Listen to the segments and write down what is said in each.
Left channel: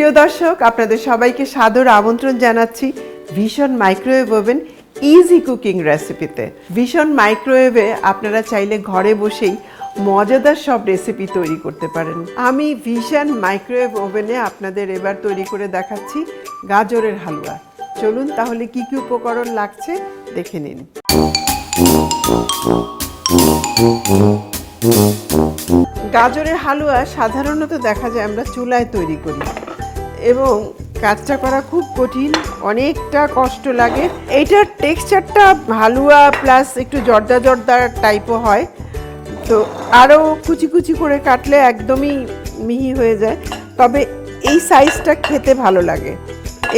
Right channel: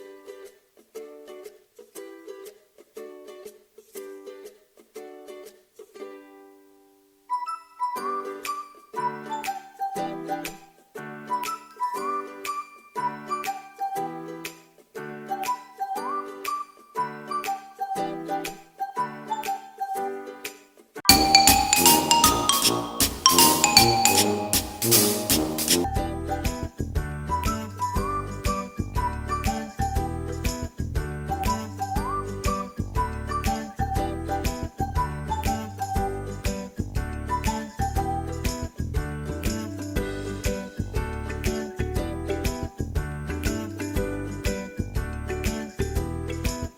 প্রিয় দর্শক, আপনাদের সবাইকে সাদর আমন্ত্রণ জানাচ্ছি vision microwave oven easy cooking রেসিপিতে। ভিশন মাইক্রোওয়েভে আপনারা চাইলে ঘরে বসেই মজাদার সব রেসিপি তৈরি করতে পারেন। আমি ভিশন মাইক্রোওয়েভ ওভেনে আপনাদের এবার তৈরি করে দেখাচ্ছি গাজরের হালুয়া। চলুন তাহলে কি কি উপকরণ লাগছে দেখে নিন। গাজরের হালুয়া সাধারণত দেখা যায় আমরা চুলায় তৈরি করি এবং কাজটা করা খুব কঠিন, অনেকটা কষ্ট লাগে। এইটার টেক্সচারটা হালুয়া প্লাস একটু জর্দা জর্দা টাইপও হয়, তো আরও কুচি কুচি করে কাটলে একদমই মিহি হয়ে যায়, তবে এই সাইজটা খেতে ভালো লাগে।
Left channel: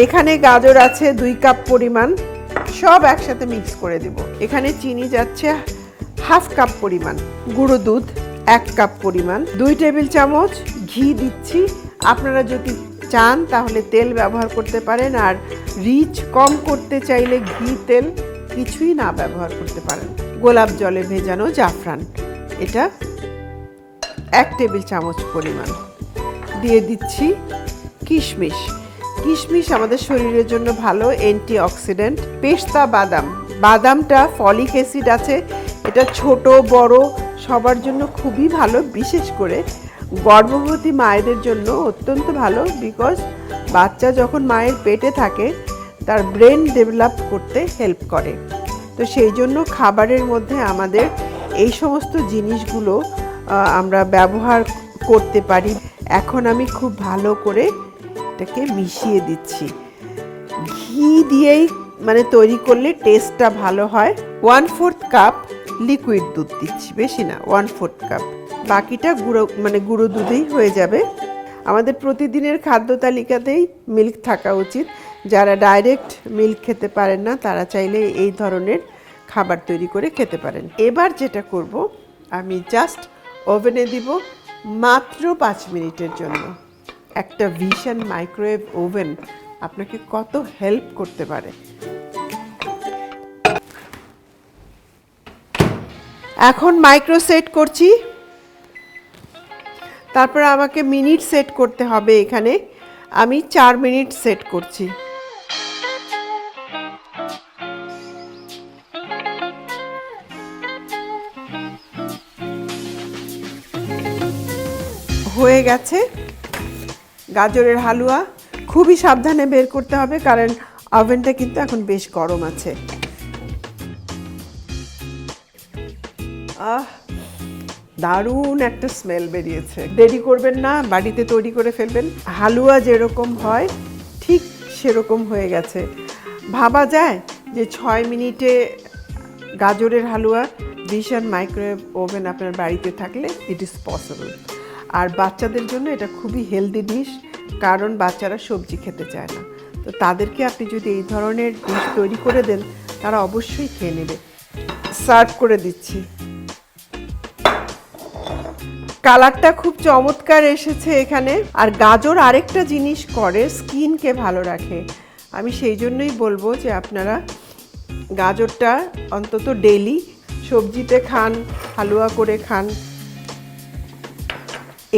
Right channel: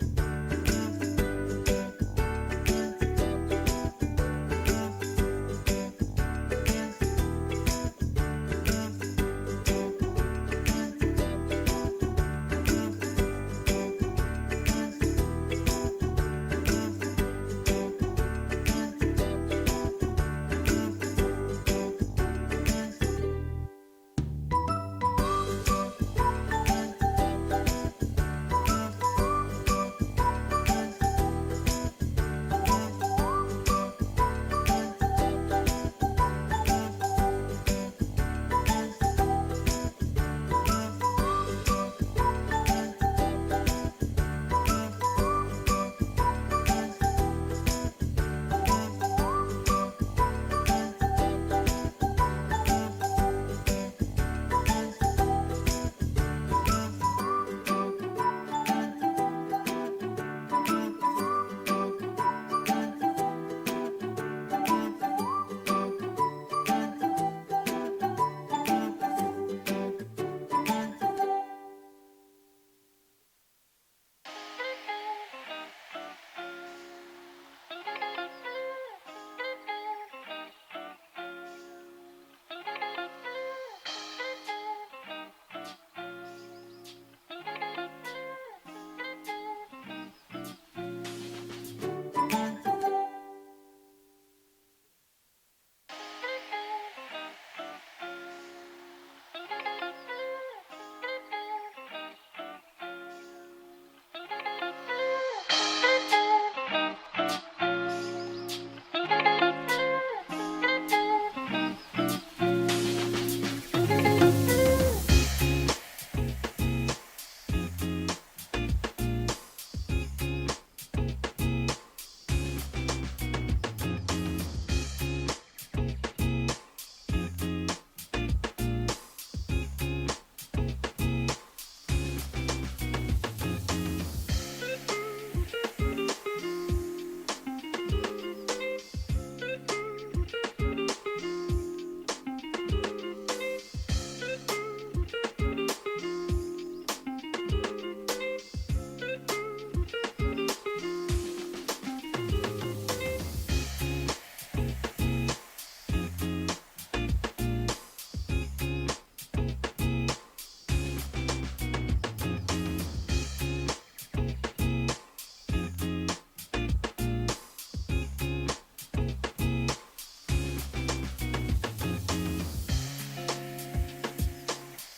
এখানে গাজর আছে 2 কাপ পরিমাণ, সব একসাথে মিক্স করে দেব। এখানে চিনি যাচ্ছে হাফ কাপ পরিমাণ, গুঁড়ো দুধ 1 কাপ পরিমাণ, 2 টেবিল চামচ ঘি দিচ্ছি। আপনারা যদি চান তাহলে তেল ব্যবহার করতে পারেন, আর রিচ কম করতে চাইলে ঘি তেল কিছুই না ব্যবহার করতে পারেন। গোলাপ জলে ভেজানো জাফরান, এটা 1 টেবিল চামচ পরিমাণ। দিয়ে দিচ্ছি কিশমিশ। কিশমিশ আমাদের শরীরের জন্য ভালো, অ্যান্টিঅক্সিডেন্ট। পেস্তা বাদাম, বাদামটা ফলিক অ্যাসিড আছে, এটা ছোট বড় সবার জন্য খুবই ভালো, বিশেষ করে গর্ভবতী মায়েদের জন্য অত্যন্ত ভালো, বিকজ বাচ্চা যখন মায়ের পেটে থাকে তার ব্রেন ডেভেলপ করতে হেল্প করে। তো সেই জন্য খাবারের মধ্যে আমাদের এই সমস্ত জিনিসগুলো আমরা ব্যবহার করতে পারি। এখন আমি খুব ভালো করে এটাকে মিশিয়ে দিচ্ছি। ঘি দিয়েই মানে তৈরি করলে টেস্টটা ভালো হয়। 1/4 কাপ লিকুইড দুধ দিচ্ছি, বেশি না, 1/4 কাপ। বাকিটা গুঁড়ো দুধেই হয়ে যাবে। আমাদের প্রতিদিনের খাদ্য তালিকাতেই মিল্ক থাকা উচিত। যারা ডাইরেক্ট মিল্ক খেতে পারেন না তারা চাইলে এই ধরনের খাবার তৈরি করে খেতে পারেন। এবার যেটা করব, আমি জাস্ট ওভেনে দিব মাত্র 5 মিনিটের জন্য। একটা ভিশন মাইক্রোওয়েভ ওভেন আপনাকে কত হেল্প করতে পারে। এখন মাইক্রো সেট করছি, তারপর আমাকে মিনিট সেট করতে হবে। এখানে আমি 4 মিনিট সেট করছি। হয়ে গেছে গাজরের হালুয়া। খুবই সাবধানে বের করতে হবে, কারণ ওভেনটা কিন্তু এখন বেশ গরম আছে। দারুণ একটা স্মেল বেরিয়েছে। দেরি করবেন না, বাড়িতে তৈরি করে ফেলবেন। হালুয়া যেরকম হয় ঠিক সেরকম হয়ে গেছে। ভাবা যায় যে 6 মিনিটে গাজরের হালুয়া। ভিশন মাইক্রোওয়েভ ওভেন আপনার বাড়িতে থাকলে ইট ইজ পসিবল। আর বাচ্চাদের জন্য এটা খুবই হেলদি ডিশ, কারণ বাচ্চারা সবজি খেতে চায় না। তো তাদেরকে আপনি যদি এই ধরনের ডিশ তৈরি করে দেন তারা অবশ্যই খেয়ে নেবে। সার্ভ করে দিচ্ছি। কালারটা খুব চমৎকার এসেছে এখানে। আর গাজর আরেকটা জিনিস করে, স্কিনকে ভালো রাখে। আমি সেই জন্যই বলবো যে আপনারা গাজরটা অন্তত ডেইলি সবজিতে খান, হালুয়া করে খান।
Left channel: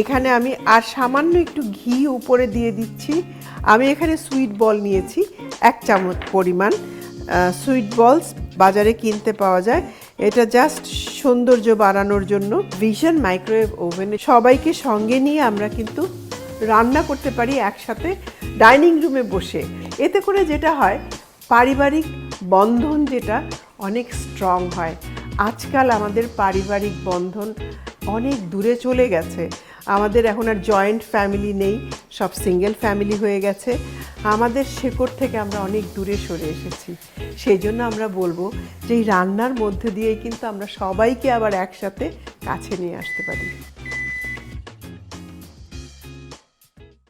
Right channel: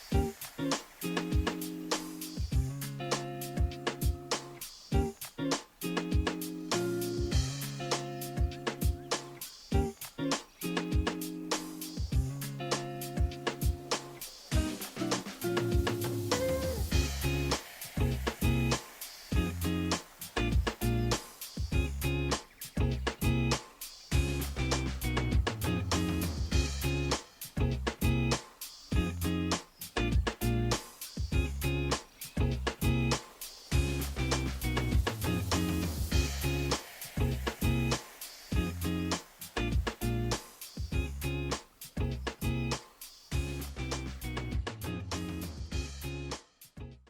এখানে আমি আর সামান্য একটু ঘি উপরে দিয়ে দিচ্ছি। আমি এখানে সুইট বল নিয়েছি 1 চামচ পরিমাণ। সুইট বলস বাজারে কিনতে পাওয়া যায়, এটা জাস্ট সৌন্দর্য বাড়ানোর জন্য। ভিশন মাইক্রোওয়েভ ওভেনে সবাইকে সঙ্গে নিয়ে আমরা কিন্তু রান্না করতে পারি একসাথে ডাইনিং রুমে বসে। এতে করে যেটা হয়, পারিবারিক বন্ধন যেটা অনেক স্ট্রং হয়। আজকাল আমাদের পারিবারিক বন্ধন অনেক দূরে চলে গেছে। আমাদের এখন আর জয়েন্ট ফ্যামিলি নেই, সব সিঙ্গেল ফ্যামিলি হয়ে গেছে। আমাদের শেকড় থেকে আমরা অনেক দূরে সরে এসেছি। সেই জন্য আমরা বলবো যে এই রান্নার মধ্যে দিয়ে কিন্তু আমরা সবাইকে আবার একসাথে কাছে নিয়ে আসতে পারি।